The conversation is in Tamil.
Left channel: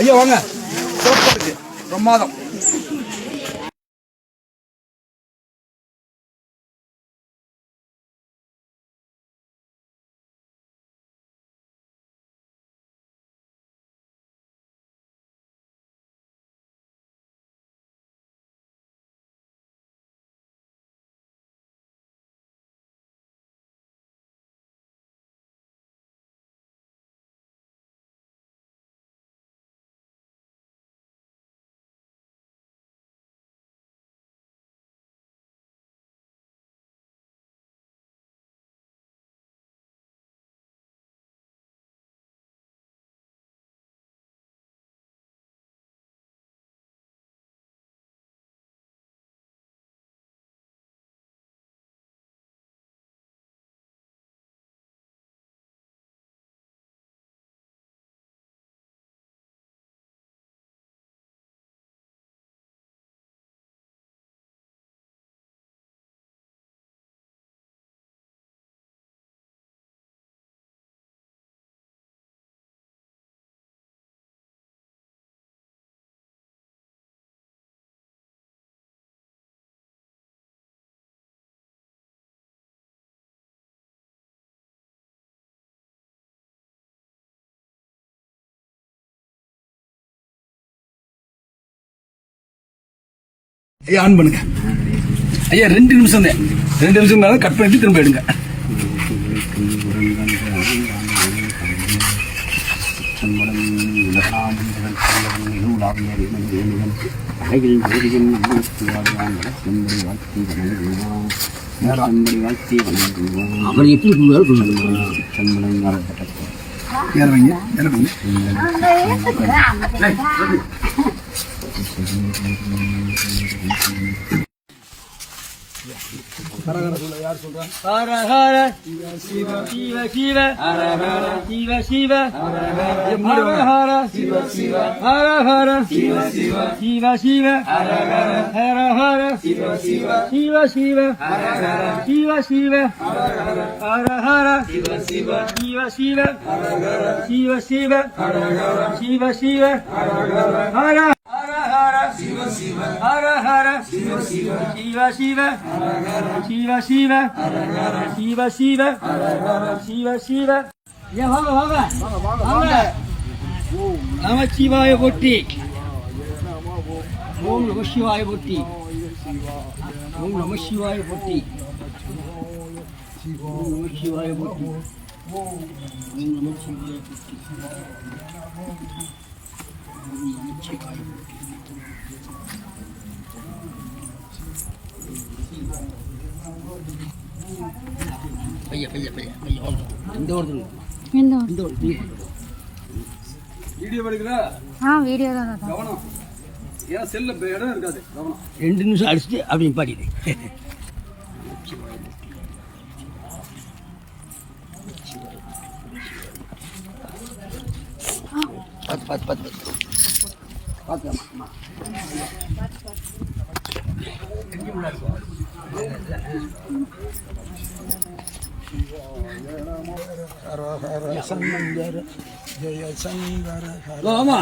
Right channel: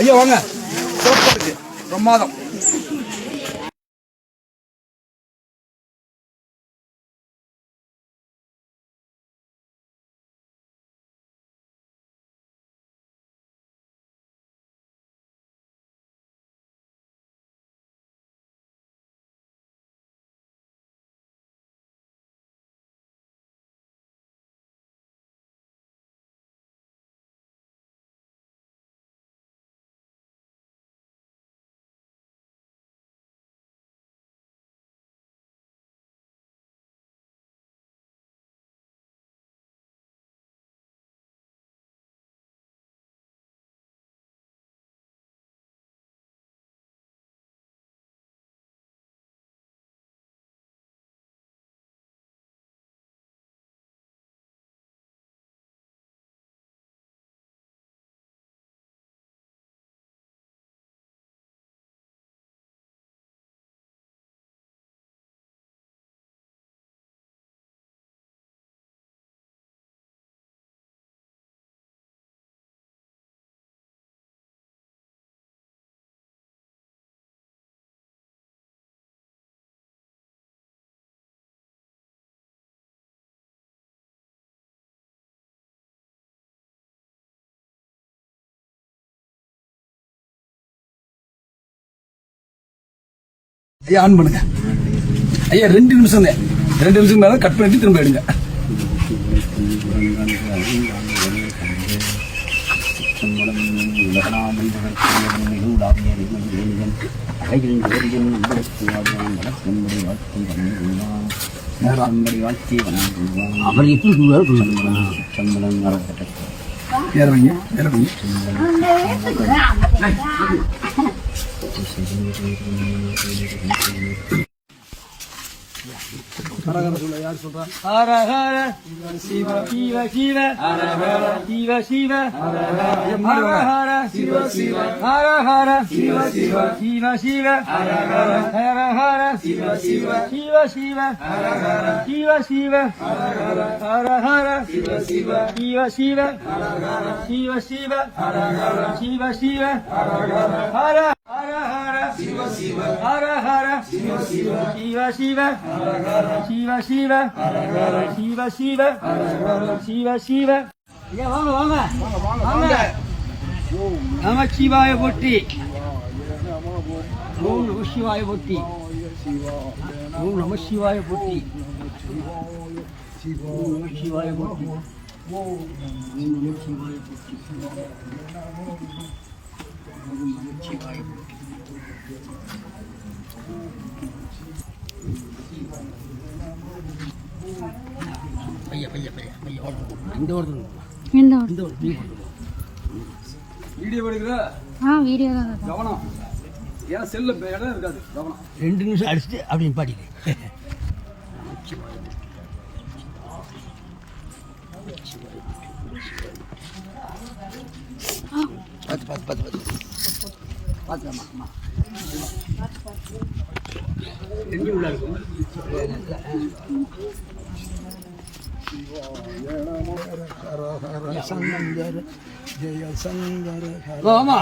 ஐயா வாங்க, சிறப்பாக இருக்கு, பிரமாதம். ஐயா ஆன் பண்ணுங்க ஐயா, 2 நிமிஷம் தான், 2 நிமிஷம் மேலே கட் பண்ணிட்டு திரும்ப எடுங்க. ஹரஹர சொல்ல, யார் சொல்றா? ஹரஹர சிவ சிவ சிவ ஹரஹர சிவ சிவ ஹரஹர சிவ சிவ ஹரஹர சிவ சிவ சிவ சிவ ஹரஹர ஹரஹர சிவ சிவ சிவ சிவ ஹரஹர சிவ சிவ ஹரஹர சிவ சிவ சிவ சிவ ஹரஹர சிவ சிவ ஹரஹர சிவ சிவ ஹரஹர சிவ சிவ ஹரஹர சிவ சிவ சிவ சிவ ஹரஹர சிவ சிவ ஹரஹர சிவ சிவ ஹரஹர சிவ சிவ. ஐயா வாங்க வாங்க வாங்க. நமச்சிவாய போற்றி, ஓம் நம சிவாய போற்றி, ஓம் நம சிவாய போற்றி, ஓம் நம சிவாய போற்றி, ஓம் நம சிவாய போற்றி, ஓம் நம சிவாய போற்றி. வீடியோ எடுக்கிற வீடியோ தான் கவனம், ஏன்னா செல்ல இடம் இருக்காது, கவனம். 2 நிமிஷம் அடிச்சுட்டு அப்படி பாடிடு. பார்த்து பார்த்து பார்த்து பார்த்துக்கலாமா? எங்கே உள்ள இருக்கும்? ஹர ஹர சங்கர ஜெய சங்கர. ஆமா